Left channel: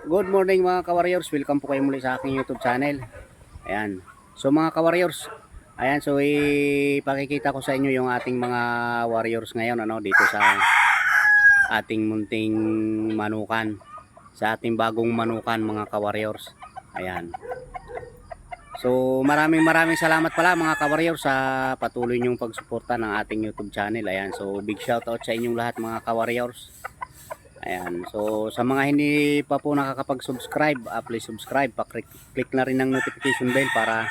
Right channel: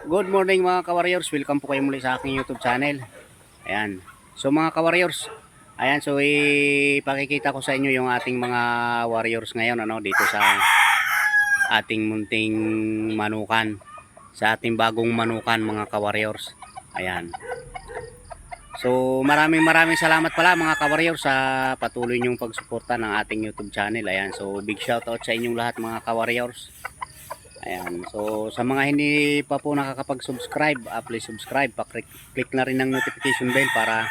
Good morning mga ka-warriors, welcome po kayo muli sa aking YouTube channel. Ayan. So mga ka-warriors, ayan, so ipakikita ko sa inyo yung ating mga warriors ngayon dito sa ating munting manukan. Sa ating bagong manukan mga ka-warriors. Ayan. So maraming salamat pala mga ka-warriors sa patuloy niyong pagsuporta ng ating YouTube channel. Ayan. So big shout out sa inyong lahat mga ka-warriors. Ayan. So sa mga hindi pa po nakakapag-subscribe, please subscribe. Pa-click na rin ng notification bell para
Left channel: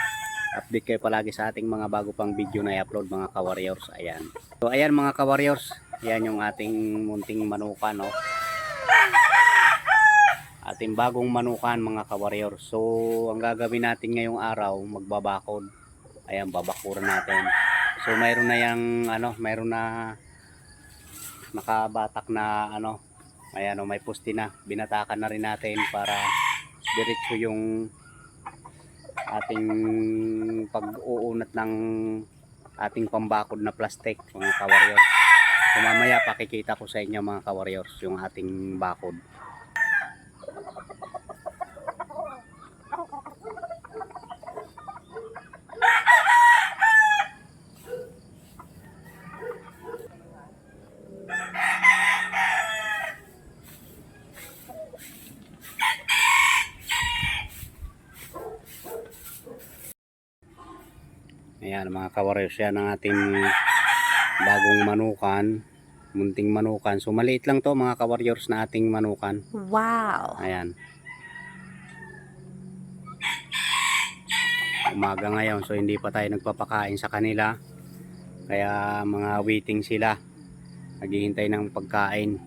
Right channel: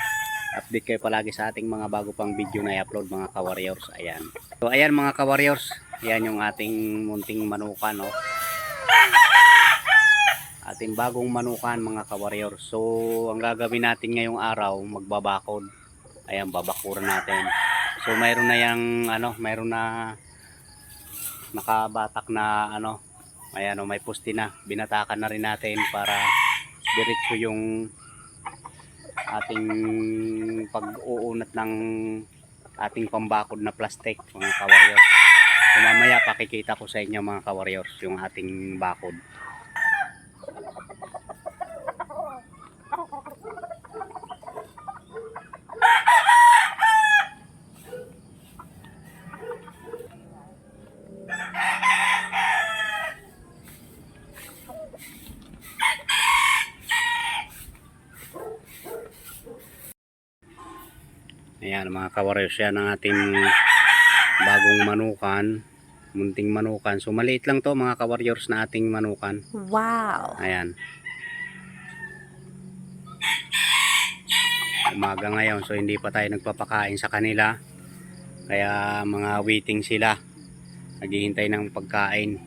update kayo palagi sa ating mga bago pang video na i-upload mga ka-warriors. Ayan. So ayan mga ka-warriors, ayan yung ating munting manukan, no. Ating bagong manukan mga ka-warriors. So ang gagawin natin ngayong araw, magbabakod. Ayan, babakuran natin. So mayroon na yang mayroon na nakabatak na ayan, may pusti na, binatakan na rin natin para diretso yung ating pag-uunat ng ating pambakod na plastic mga ka-warriors. So mamaya pakikita ko sa inyo mga ka-warriors yung ating bakod. Ayan mga ka-warriors, yan ang ating bagong manukan, munting manukan. So maliit lang to mga ka-warriors na ating manukan. Wow. Ayan. Umaga ngayon, so hindi pa tayo nagpapakain sa kanila. Kaya mga waiting sila. Naghihintay ng pagkain.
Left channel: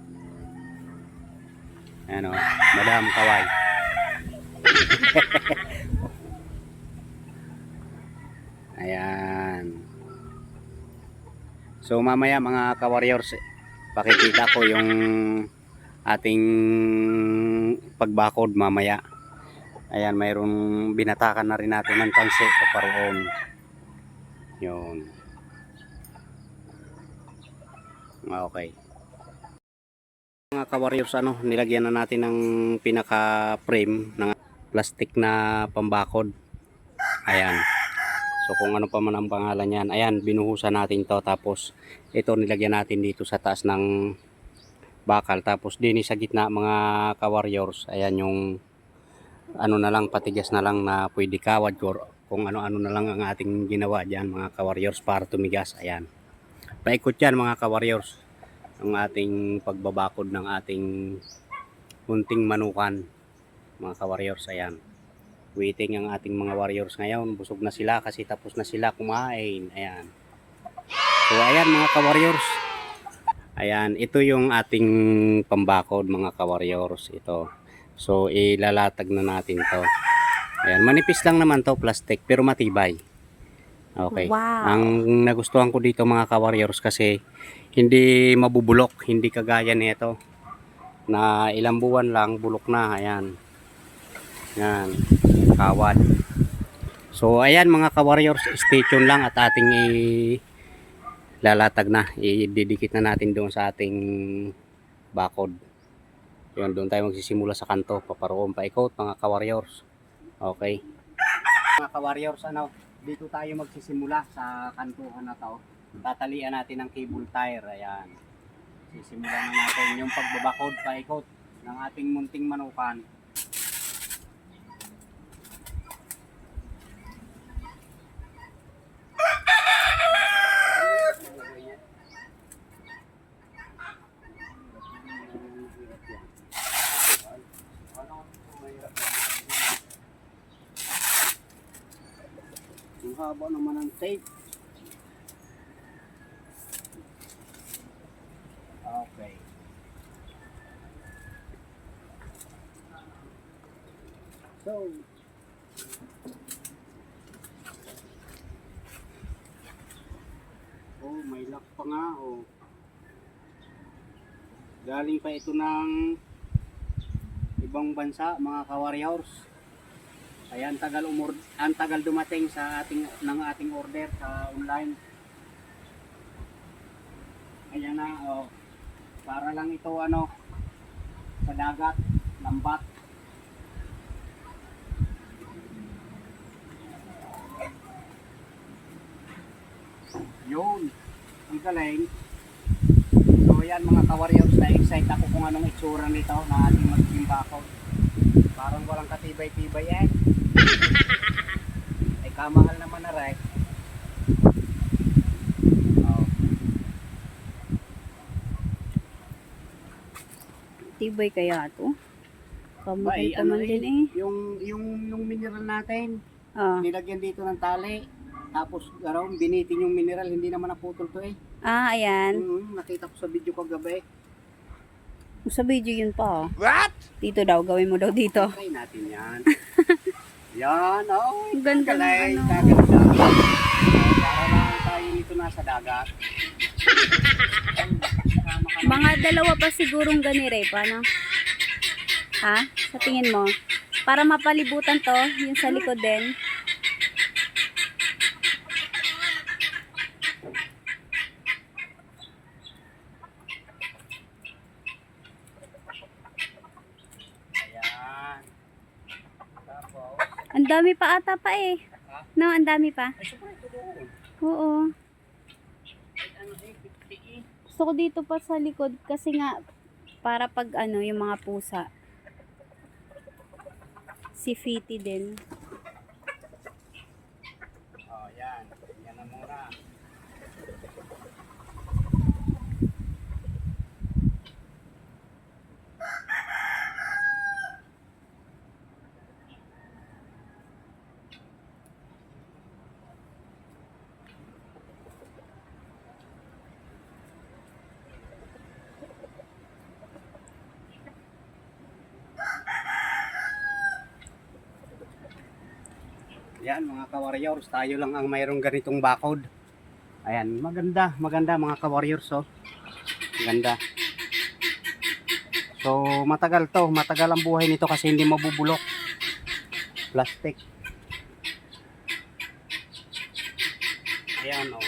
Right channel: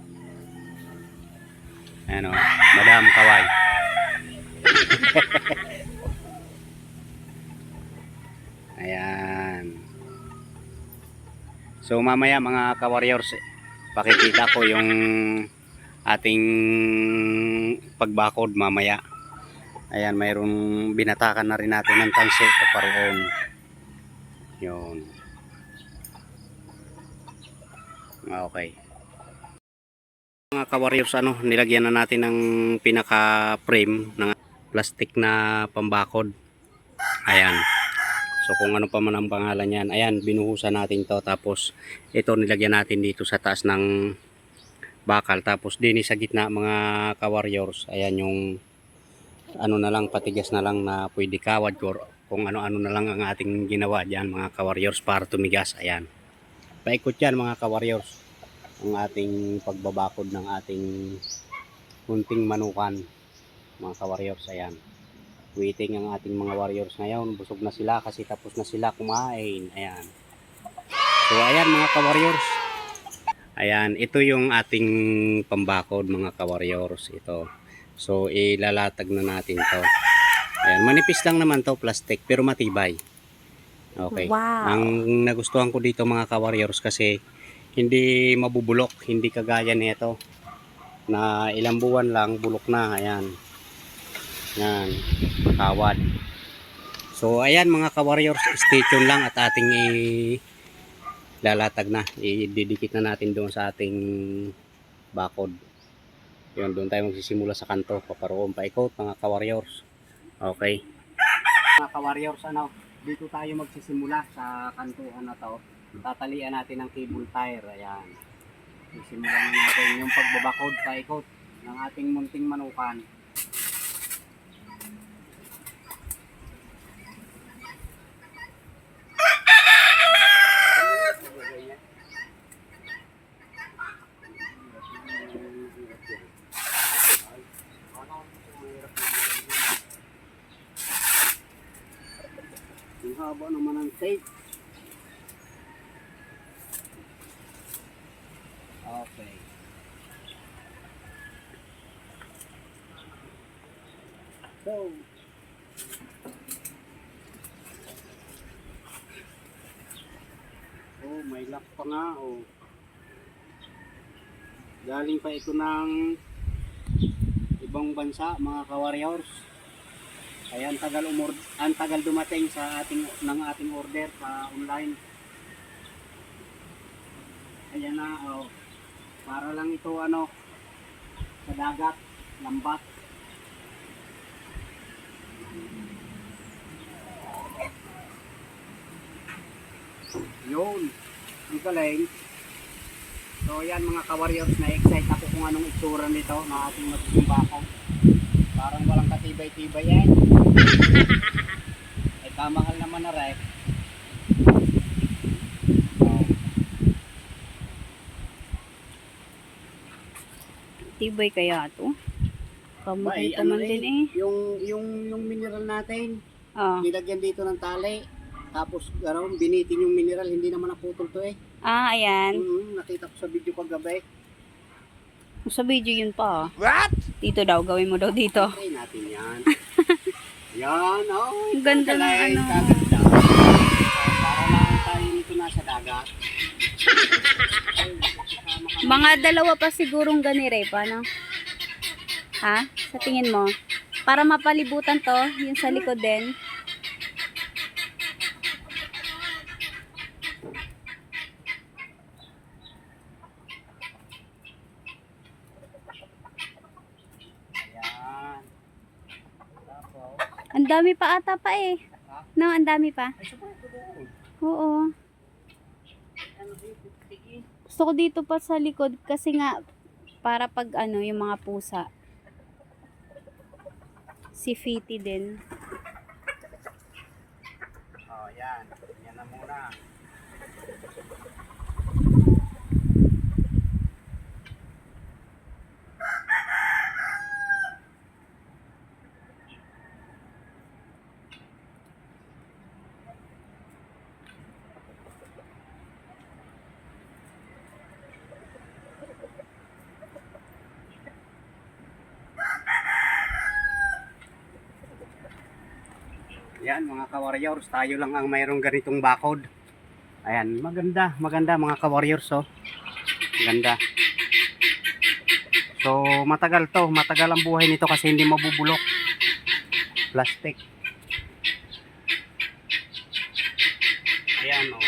Ayan o, Madam Kaway. Ayan. So mamaya mga ka-warriors, pakikita ko yung ating pagbakod mamaya. Ayan, mayroong binatakan na rin natin ng tansi paparoon. Yun. Okay. Mga ka-warriors, nilagyan na natin ng pinaka frame ng plastic na pambakod. Ayan. So kung ano pa man ang pangalan yan, ayan, binuhusan natin to. Tapos ito nilagyan natin dito sa taas ng bakal. Tapos din sa gitna mga ka-warriors, ayan yung na lang, patigas na lang na pwede kawad kung ano-ano na lang ang ating ginawa dyan mga ka-warriors para tumigas. Ayan. Paikot yan mga ka-warriors ang ating pagbabakod ng ating munting manukan mga ka-warriors. Ayan. Waiting ang ating mga warriors ngayon. Busog na sila kasi tapos na sila kumain. Ayan. So ayan mga ka-warriors. Ayan, ito yung ating pambakod mga ka-warriors. Ito. So ilalatag na natin to. Ayan, manipis lang naman to, plastic, pero matibay. Okay. Wow. Ang nagustuhan ko dito mga ka-warriors kasi hindi mabubulok, hindi kagaya nito na ilang buwan lang bulok na. Ayan. Yan, kawad. So ayan mga ka-warriors, stay tuned lang at ating lalatag na, ididikit na natin doon sa ating bakod. Yun, doon tayo magsisimula sa kanto, paparoon paikot mga ka-warriors. Okay. Mga ka-warriors, dito tayo magsisimula sa kantuhan na to. Tatalian natin ng cable tire. Ayan. Sisimulan na natin yung pagbabakod paikot ng ating munting manukan. Ang haba naman ng tape. Okay. So, may lock pa nga. Galing pa ito ng ibang bansa mga ka-warriors. Ayan, ang tagal dumating sa ating order sa online. Ayan na, para lang ito sa dagat, lambat. Yun. Ang galing. So yan mga ka-warriors, na-excite ako kung anong itsura nito na ating magiging bako. Parang walang katibay-tibay yan. Ay kamahal naman na rep. Oh. Tibay kaya to? Kamahal Ay, pa man din eh. Yung mineral natin, Ah. nilagyan dito ng tali. Tapos binitin yung mineral, hindi naman naputol to eh. Ah, ayan. Nakita ko sa video kagabi. Sa video yun pa. What? Dito daw, gawin mo daw dito. Try natin yan. Yan, oh. Ang ganda ng Kalay, ano. kaganda. Para lang tayo nito nasa dagat. Mga dalawa pa sigurong ganire pa, no? Ha? Sa tingin mo? Para mapalibutan to, yung sa likod din. Ayan. Tapos, Ang dami pa ata pa eh. No, ang dami pa. ay siguro ito doon. Oo. Ano eh, 50 eh. Gusto ko dito pa sa likod kasi nga para pag ano, yung mga pusa. Si Fiti din. Oh, yan. Yan na muna. Yan mga ka-warriors, tayo lang ang mayroong ganitong bakod. Ayan, maganda mga ka-warriors oh. Ganda. So matagal ang buhay nito kasi hindi mabubulok. Plastic. Ayan oh.